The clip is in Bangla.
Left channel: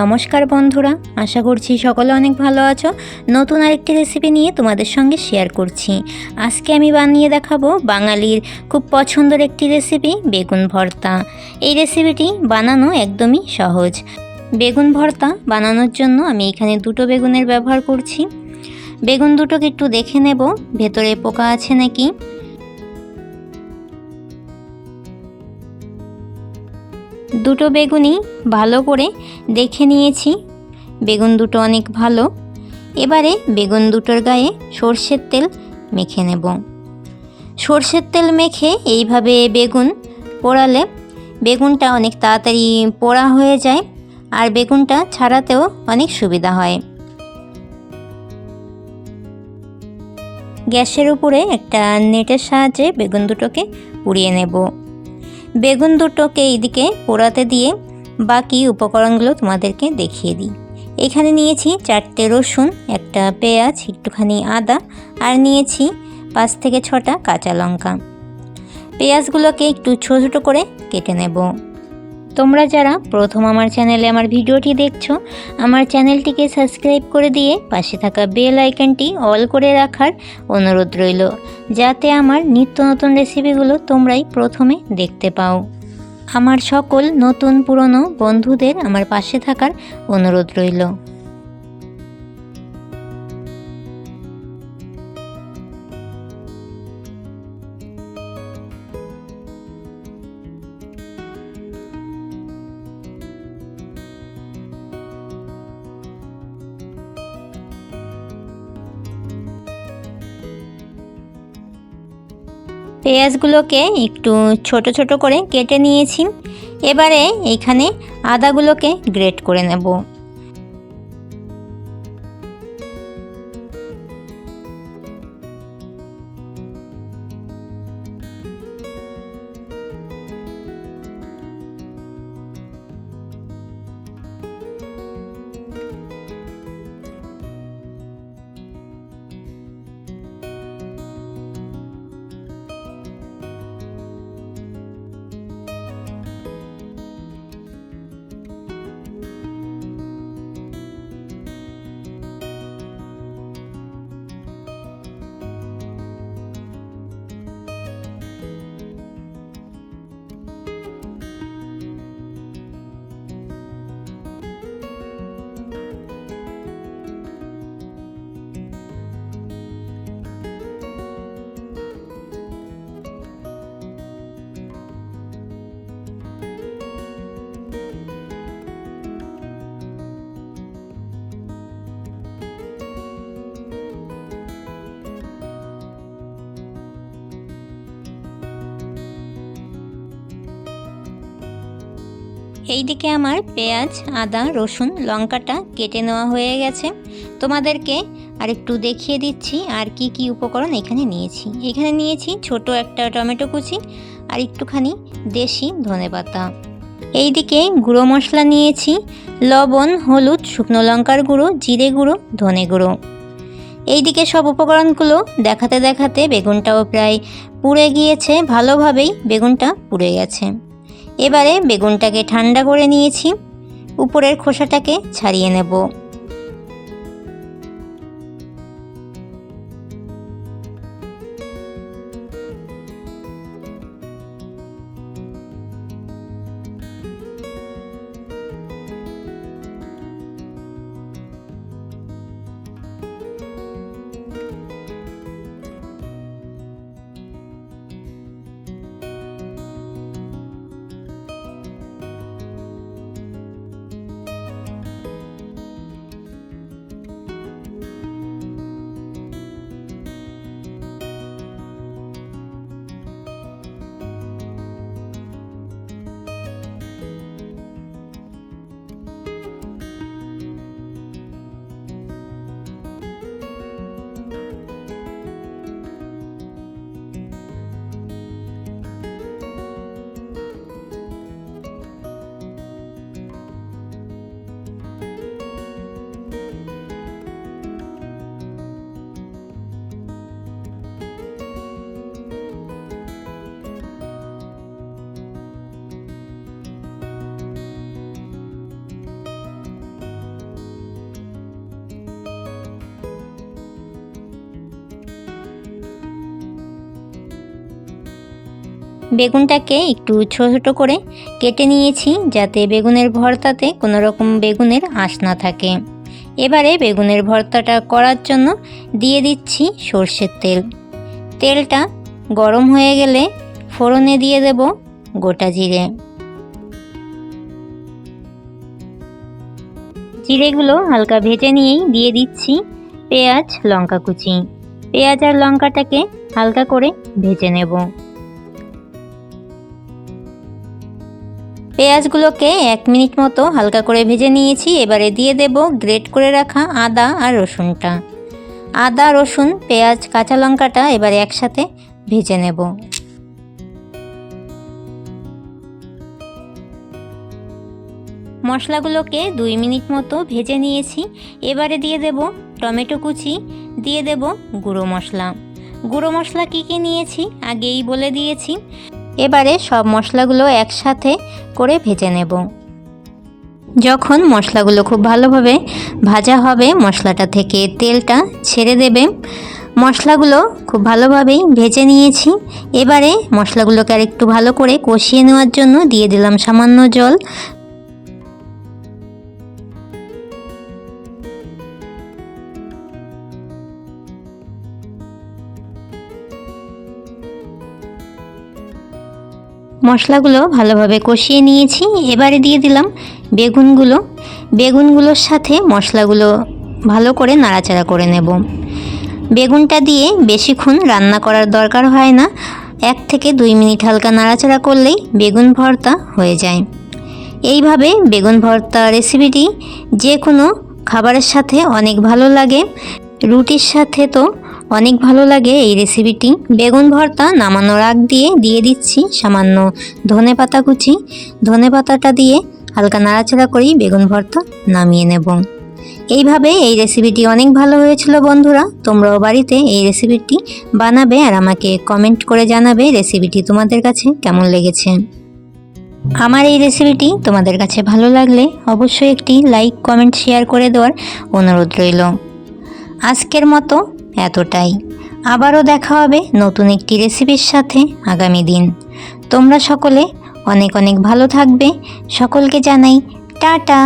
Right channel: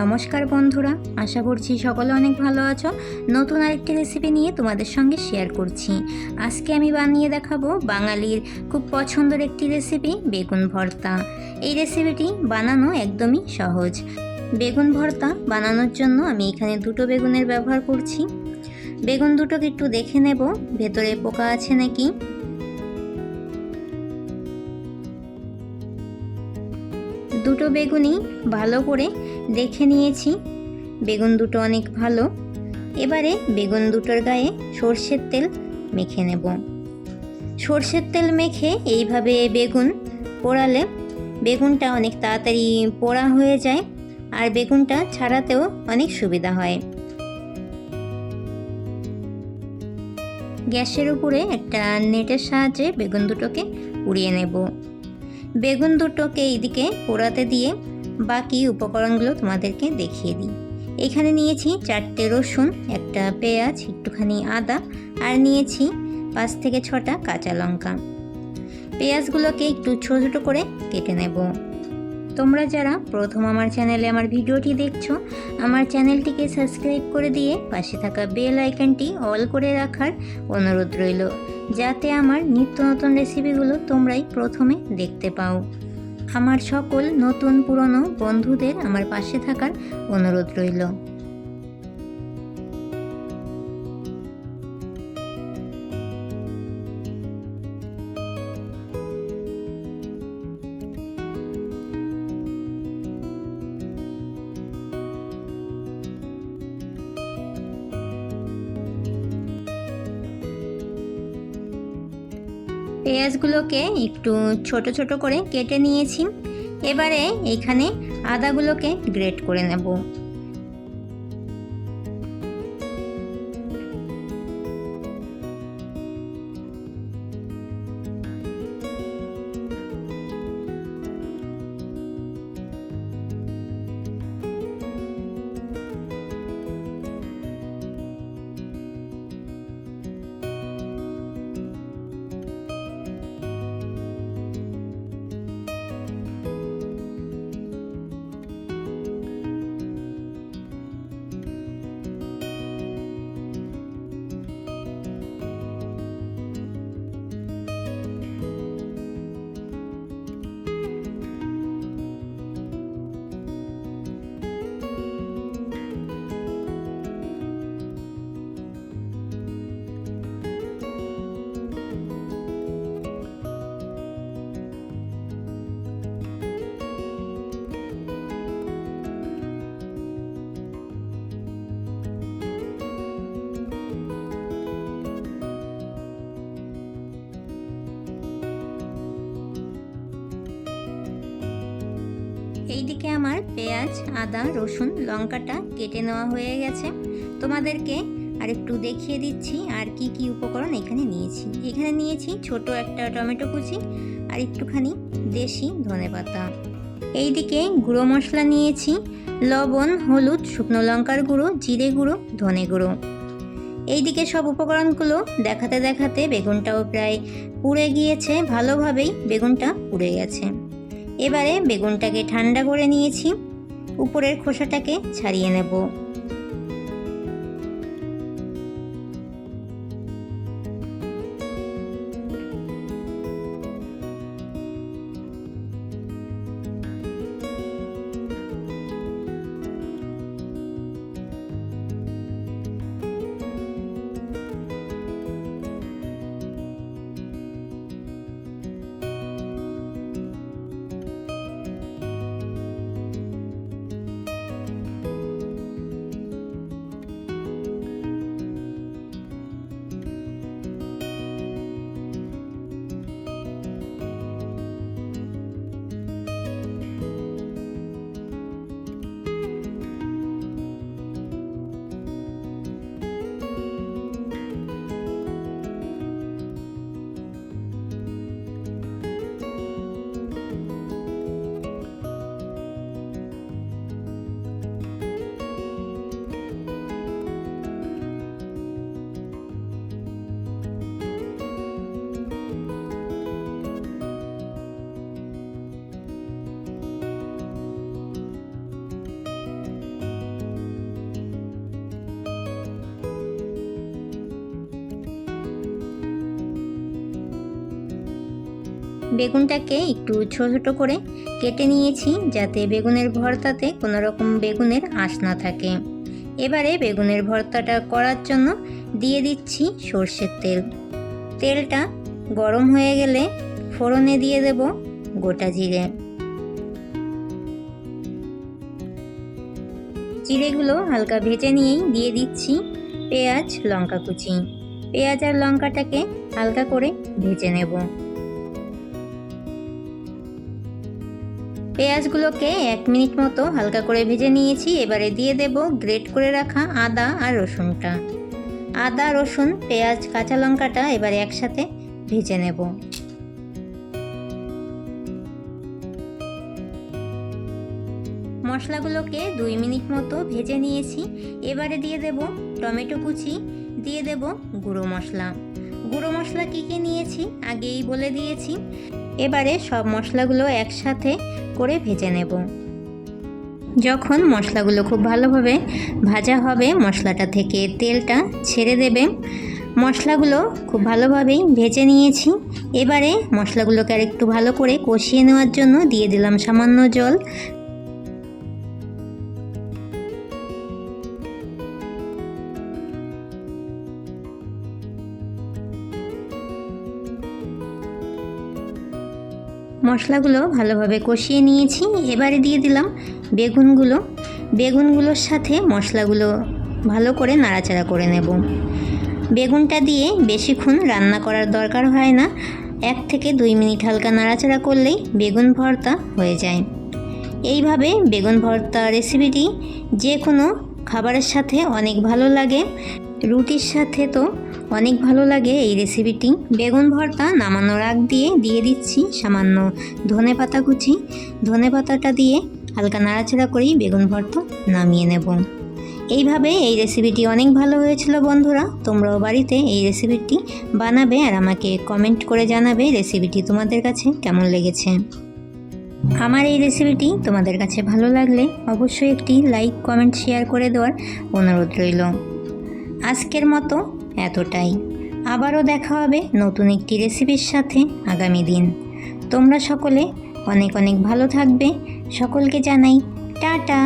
নমস্কার বন্ধুরা, আশা করছি সকলে অনেক ভালো আছো। নতুন আরেকটি রেসিপি নিয়ে তোমাদের সঙ্গে শেয়ার করছি। আজকে আমি বানিয়ে দেখাবো বাঙালির খুব পছন্দের একটি রেসিপি, বেগুন ভর্তা। এই রেসিপিটি বানানো একদমই সহজ। বেগুন ভর্তা বানানোর জন্য আমি এখানে দুটো বেগুনের ব্যবহার করছি। বেগুন দুটোকে একটু দেখে নেব ভেতরে পোকা আছে নাকি। দুটো বেগুনই ভালো করে দেখে নিয়েছি, বেগুন দুটো অনেক ভালো। এবারে বেগুন দুটোর গায়ে সর্ষের তেল মেখে নেব। সর্ষের তেল মেখে এইভাবে বেগুন পোড়ালে বেগুনটা অনেক তাড়াতাড়ি পোড়া হয়ে যায়, আর বেগুনটা ছাড়াতেও অনেক সুবিধা হয়। গ্যাসের উপরে একটা নেটের সাহায্যে বেগুন দুটোকে পুড়িয়ে নেব। বেগুন দুটোকে এইদিকে পোড়াতে দিয়ে বাকি উপকরণগুলো তোমাদেরকে দেখিয়ে দিই। এখানে নিয়েছি 4টে রসুন, একটা পেঁয়াজ, একটুখানি আদা, আর নিয়েছি 5 থেকে 6টা কাঁচা লঙ্কা। পেঁয়াজগুলোকে একটু ছোটো ছোটো করে কেটে নেব। তোমরা যারা প্রথম আমার চ্যানেলে আমার ভিডিওটি দেখছো, আমার চ্যানেলটিকে সাবস্ক্রাইব করে দিয়ে পাশে থাকা বেল আইকনটি অল করে রাখার অনুরোধ রইল, যাতে আমার নিত্য নতুন রেসিপিগুলো তোমরাই প্রথমে দেখতে পাও। আমার সকল নতুন পুরনো বন্ধুদের আমার পাশে থাকার অনুরোধ রইল। পেঁয়াজগুলোকে একটু ছোট ছোট করে কেটে নিয়েছি। এবারে এখানে আদাগুলোকে গ্রেট করে নেব। এইদিকে আমার পেঁয়াজ, আদা, রসুন, লঙ্কাটা কেটে নেওয়া হয়ে গেছে। তোমাদেরকে আর একটু দেখিয়ে দিচ্ছি আর কি কি উপকরণ এখানে নিয়েছি। এখানে নিয়েছি ছোট একটা টমেটো কুচি আর একটুখানি দেশি ধনেপাতা। এইদিকে গুঁড়ো মশলা নিয়েছি লবণ, হলুদ, শুকনো লঙ্কার গুঁড়ো, জিরে গুঁড়ো, ধনে গুঁড়ো। এইদিকে সব উপকরণগুলো দেখাতে দেখাতে বেগুনটাও প্রায় পুড়ে গিয়েছে, ভালোভাবেই বেগুনটা পুড়ে গেছে। এবারে বেগুনটাকে ঠান্ডা করে নিয়েছি, উপরের খোসাটাকে ছাড়িয়ে নেব। বেগুনটাকে একটু ছোট ছোট করে কেটে নিয়েছি যাতে বেগুনের ভর্তাতে কোনো রকম বেগুনের আঁশ না থাকে। এবারে বেগুনের ভর্তাটা করার জন্য দিয়ে দিচ্ছি সর্ষের তেল। তেলটা গরম হয়ে গেলে ফোড়নে দিয়ে দেব গোটা জিরে। জিরেগুলো হালকা ভেজে নিয়েই দিয়ে দিচ্ছি পেঁয়াজ লঙ্কা কুচি। পেঁয়াজ আর লঙ্কাটাকে হালকা করে ভেজে নেব। পেঁয়াজগুলোকে 1 মিনিট মতো হালকা করে ভেজে নিয়েছি। এবারে দিয়ে দেব গ্রেট করে রাখা আদা আর রসুনটা। আদা, রসুন, পেঁয়াজ, কাঁচা লঙ্কাটা এবারে একসাথে ভেজে নেব। মশলাগুলোকে 2 মিনিট মতো ভেজে নিয়েছি। এবারে দিয়ে দেব টমেটো কুচি, দিয়ে দেব গুঁড়ো মশলা। গুঁড়ো মশলা কী কী নিয়েছি আগেই বলে দিয়েছি। এবারে সব মশলাগুলো একসাথে করে ভেজে নেব। যখন মশলাগুলো খুব ভালোভাবে ভাজা হবে, মশলাটা থেকে তেলটা ছেড়ে দেবে। মশলাগুলো খুব ভালোভাবেই ভেজে নিয়েছি। এবারে মশলাগুলোকে আরেকটু ভালো করে কষিয়ে নেওয়ার জন্য দিয়ে দিলাম সামান্য জল। মশলাগুলো ভালোভাবে কষিয়ে নিয়েছি। এবারে দিয়ে দিলাম বেগুনগুলো। বেগুনগুলোর সাথে মশলাগুলো ভালো করে নাড়াচাড়া করে নেব। বেগুনটা দিয়ে বেশিক্ষণ রান্না করার দরকার হয় না, 1 থেকে 2 মিনিট হালকা নাড়াচাড়া করলেই বেগুন ভর্তা হয়ে যায়। এইভাবে বেগুন ভর্তা রেসিপিটি যে কোনো খাবারের সাথে অনেক ভালো লাগে। রুটির সাথে তো অনেক ভালো লাগে এই রেসিপিটি। বেগুন ভর্তা নামানোর আগ দিয়ে দিচ্ছি সামান্য ধনেপাতা কুচি। ধনেপাতাটা দিয়ে হালকা নাড়াচাড়া করেই বেগুন ভর্তা নামিয়ে নেব। এইভাবে এই রেসিপিটি অনেক ভালো হয়েছিল বন্ধুরা। তোমরাও বাড়িতে এই রেসিপিটি বানাবে আর আমাকে কমেন্ট করে জানাবে রেসিপিটি তোমাদের কাছে কেমন লেগেছে। আমার এই রেসিপিটি তোমাদের কাছে ভালো লাগলে অবশ্যই একটি লাইক, কমেন্ট, শেয়ার করে দেওয়ার অনুরোধ রইল। আজকের মতো এতটাই। আবারও দেখা হবে নতুন একটি রেসিপির সাথে আগামী দিন। তোমরা সকলে অনেক অনেক ভালো থাকবে। সকলকে জানাই টাটা।